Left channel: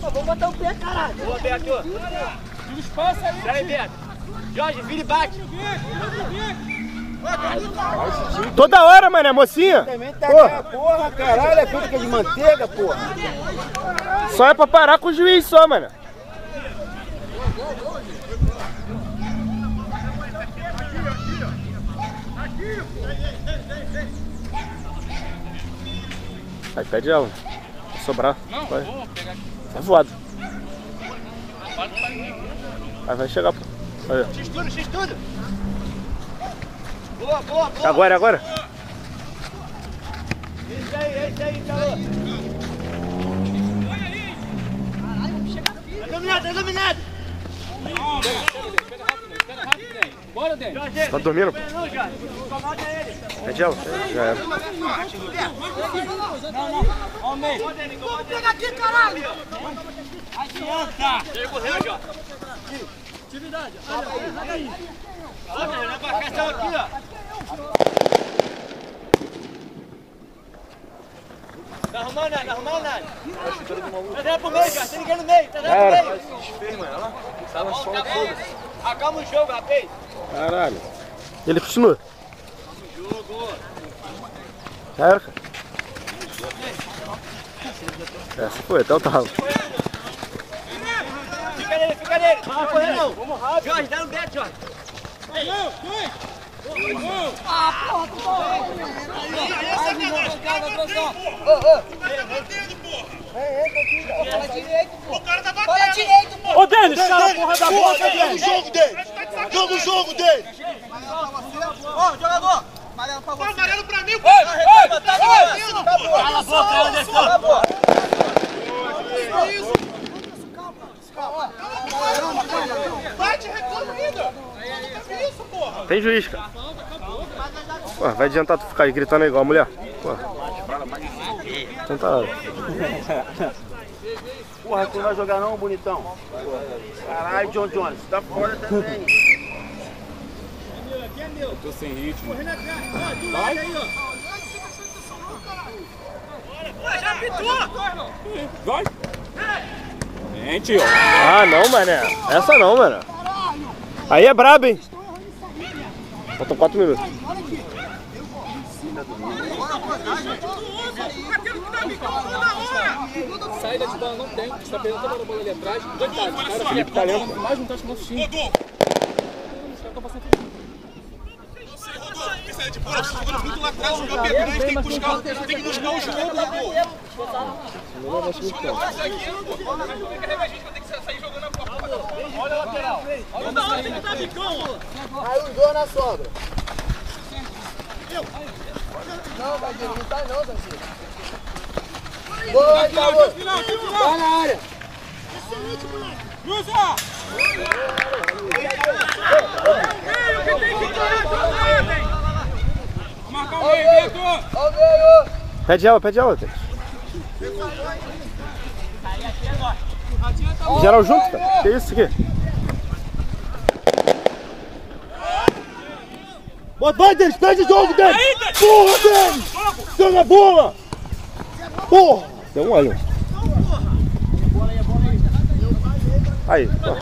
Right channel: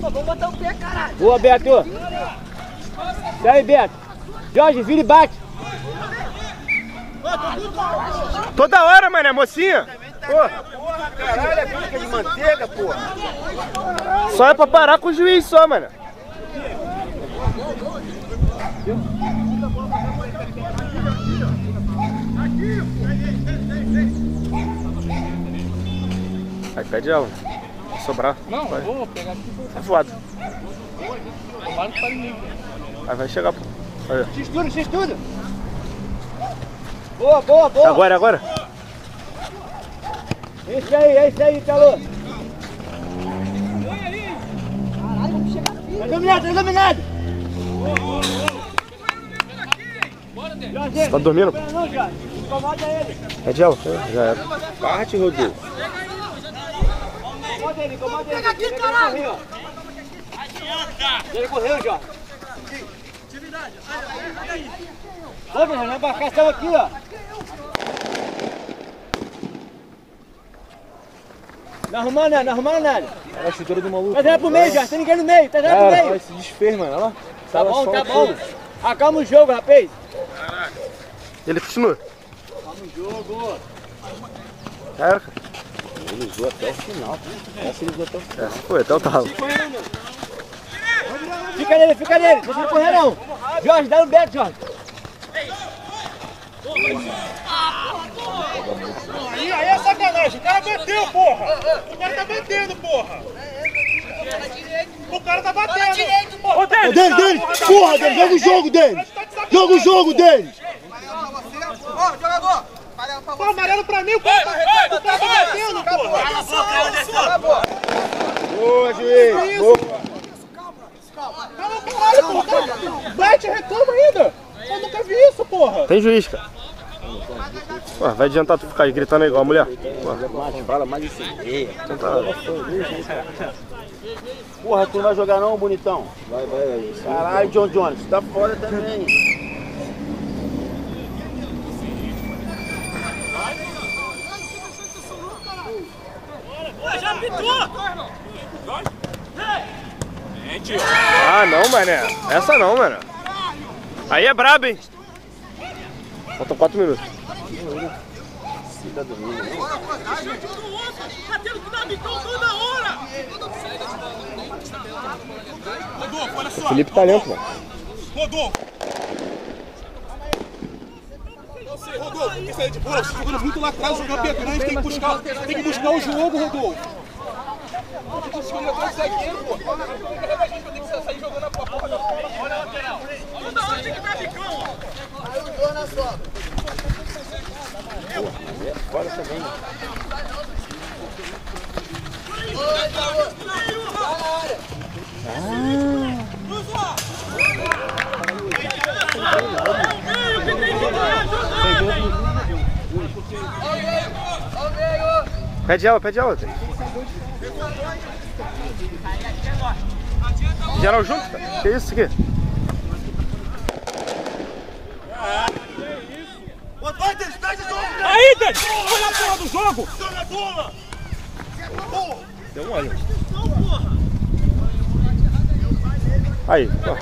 Vamos botar o pé, caralho. Boa, Beto. E aí, Beto. Jorge, vira e bate. Toda hora, mané, mocinha. Porra, caralho, é bica de manteiga, porra. Só é pra parar com o juiz só, mano. Aí pede ela. Vai sobrar. Não, vai. vamos pegar aqui. Tá voado. Aí vai chegar, pô. Aí. X-tudo. Boa, boa, boa. Agora, agora. Esse aí, Talo. Tá dominado. Bora, Dê. Você tá dormindo? Não, Jorge. Incomoda ele. Pede ela. Já era. Bate, Rodrigo. Pega aqui, caralho. Ele morreu, Jorge. Atividade. Ô, meu, na embarcação aqui, ó. Não arrumando nada. É a chuteira do maluco. Tá dentro pro meio, Jorge. Tem ninguém no meio. Tá dentro pro meio. Olha esse desfez, mano. Olha lá. Tá bom. Acalma o jogo, rapaz. Caralho. Ele continua. Acalma o jogo. Já era, cara. Ele usou até o final. Essa ele já tá. Essa foi até o talo. Fica nele. Deixa ele correr, não. Jorge, dá um Beto, Jorge. Aí é sacanagem. O cara bateu, porra. O cara tá batendo, porra. O cara tá batendo. Direito, porra. Ô, Denis! Porra, Denis! Joga o jogo, Denis! Joga o jogo, Denis! Ó, jogador. Pô, amarelo pra mim, porra. Tá batendo, porra. Cala a boca, cara, desceu. Acabou. Boa, juiz! Bate e reclama ainda. Eu nunca vi isso, porra. Tem juiz, cara. Pô, vai adiantar tu ficar aí gritando igual a mulher? Pô, Fala mais isso aí. então tá. Porra, tu não vai jogar não, bonitão? Vai. Caralho, John Jones, tá fora também. Já pitou. Vai. Gente, Ah, não, mané. Essa não, mano. Aí é brabo, hein? Faltam 4 minutos. O Felipe tá lento, mano. Rodolfo, esse aí de boa, jogando muito lá atrás, jogar perto, tem que buscar o jogo, Rodolfo. Olha a lateral. Toda hora tem que dar bicão, ó. Aí o João na sobra. Boa, tá na área. Lusa! É o meio que tem que ganhar jogada, hein? Pede ela. Geral junto, cara. Que isso aqui? Vai, Denis, perde o jogo, Denis! Aí, Denis! Porra, Denis! Jogo! Joga a bola! Porra! Deu um olho. Aí, ó.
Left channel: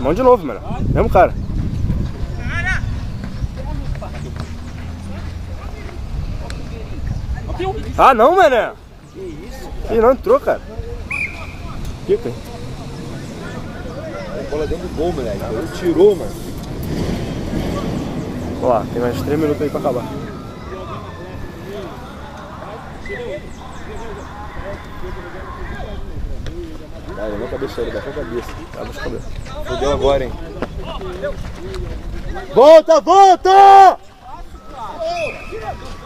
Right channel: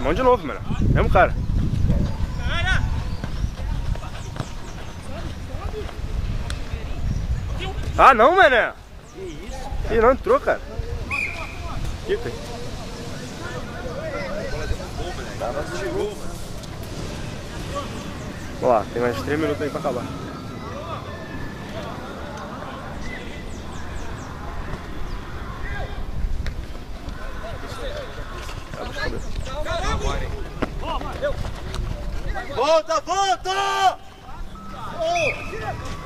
Mão de novo, mano. Mesmo cara. Ah, não, mané. Ele não entrou, cara. Que tem? A bola dentro do gol, moleque. Ela tirou, mano. Ó, tem mais 3 minutos aí pra acabar. Cara, não cabeceira, dá com a cabeça. Abre essa cabeça. Fudeu agora, hein? Volta!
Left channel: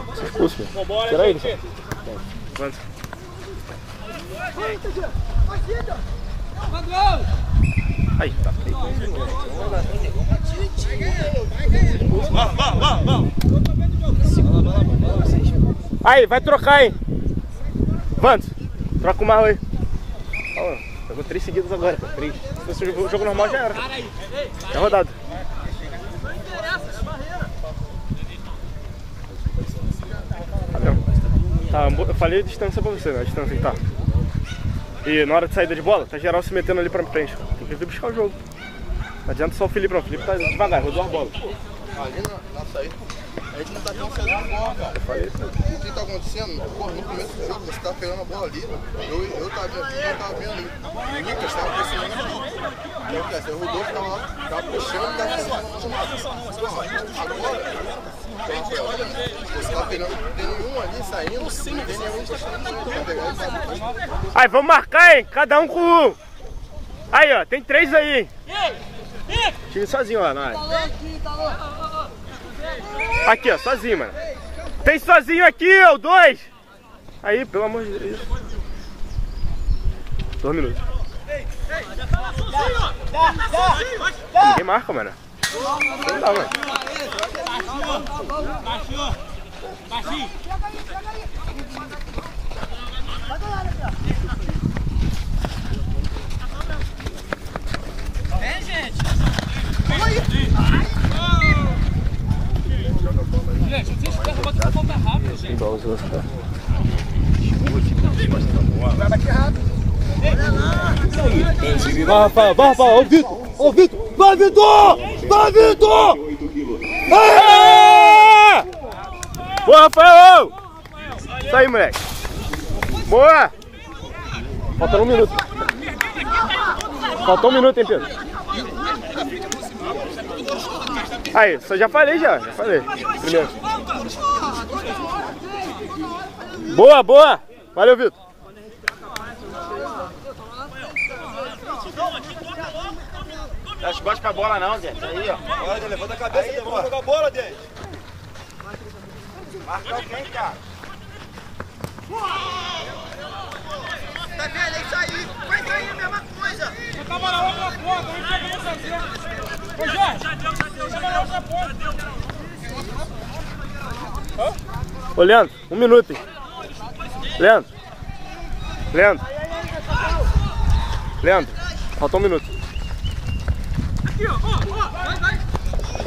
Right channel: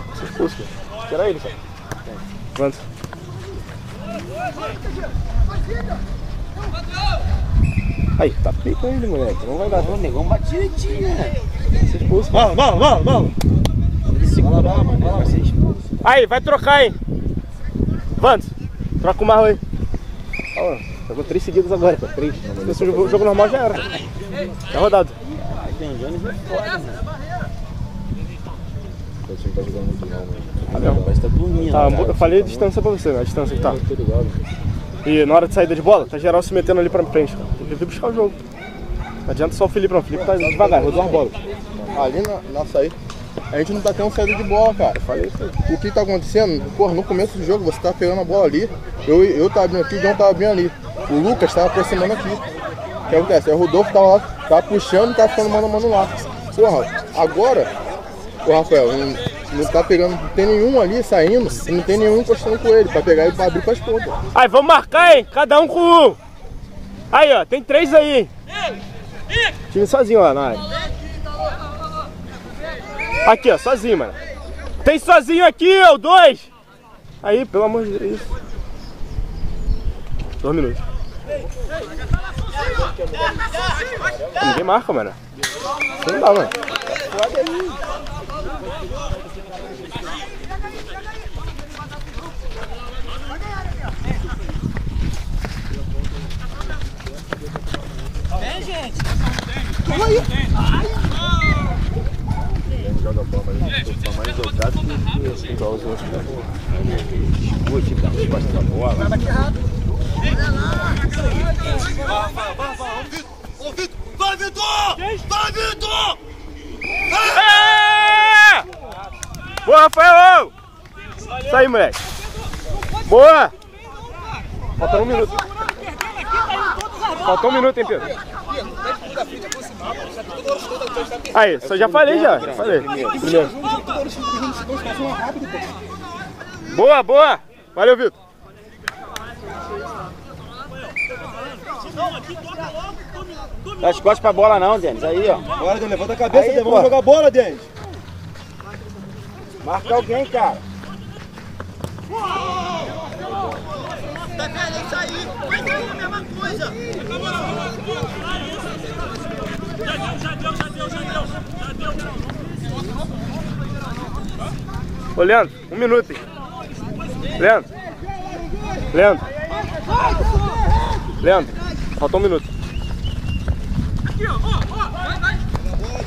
Você expulso, mano. Tira ele, cara. Levanta. Aí, tá pico ainda, moleque. Não vai dar dano nenhum. Uma direitinho, né? Você expulso. Vamos! Segura, vai lá, você expulso. Aí, vai trocar, hein? Vantos, troca o Marlon aí. Ó, jogou 3 seguidas agora, pô. 3. Se fosse o jogo normal já era. É rodado. Tá mesmo. Tá, eu falei a distância pra você, né? A distância que tá. E na hora de saída de bola, tá geral se metendo ali pra frente. Tem que vir buscar o jogo. Não adianta só o Felipe, não. O Felipe tá devagar, rodou uma bola. Ali na saída, a gente não tá tendo saída de bola, cara. Falei isso aí. O que tá acontecendo? Porra, no começo do jogo você tá pegando a bola ali, eu tava vindo aqui, o João tava vindo ali. O Lucas tava aproximando aqui. O que acontece? O Rodolfo tava lá, tava puxando e tava ficando mano a mano lá. Porra, agora, o Rafael, não tá pegando, não tem nenhum ali saindo, e não tem nenhum encostando com ele, pra pegar e pra abrir pras pontas. Aí, vamos marcar, hein? Cada um com um. Aí, ó, tem 3 aí, hein? Time sozinho, ó, na área. Aqui, ó, sozinho, mano. Tem sozinho aqui, ó, 2. Aí, pelo amor de Deus. 2 minutos. Ninguém marca, mano. Não dá, mano. Vem, gente. Joga a bola aí, tô mais jogado que Igualzinho. Vai bater errado. Vai, Rafael, ó o Vitor, vai, Vitor! Vai, Vitor! Boa, Rafael! Isso aí, moleque. Boa! Falta 1 minuto. Faltou 1 minuto, hein, Pedro? Aí, só já falei, já falei. Primeiro. Boa, boa! Valeu, Vitor. Dá as costas pra bola não, Denis. Aí, ó. Agora, levanta a cabeça, Denis. Vamos jogar bola, Denis. Marca alguém, cara. Tá vendo? É isso aí. Mas aí é a mesma coisa. Já deu. Ô, Leandro, 1 minuto, hein? Leandro, faltou 1 minuto. Aqui, ó. Vai.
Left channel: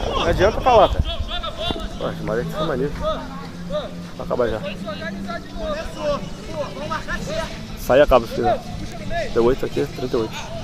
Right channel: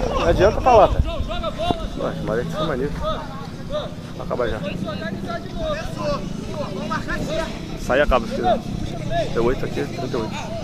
Não adianta falar, cara. Poxa, mas é que foi maneiro. Vai acabar já. Vamos marcar certo. Sai e acaba se quiser. 38 aqui, 38.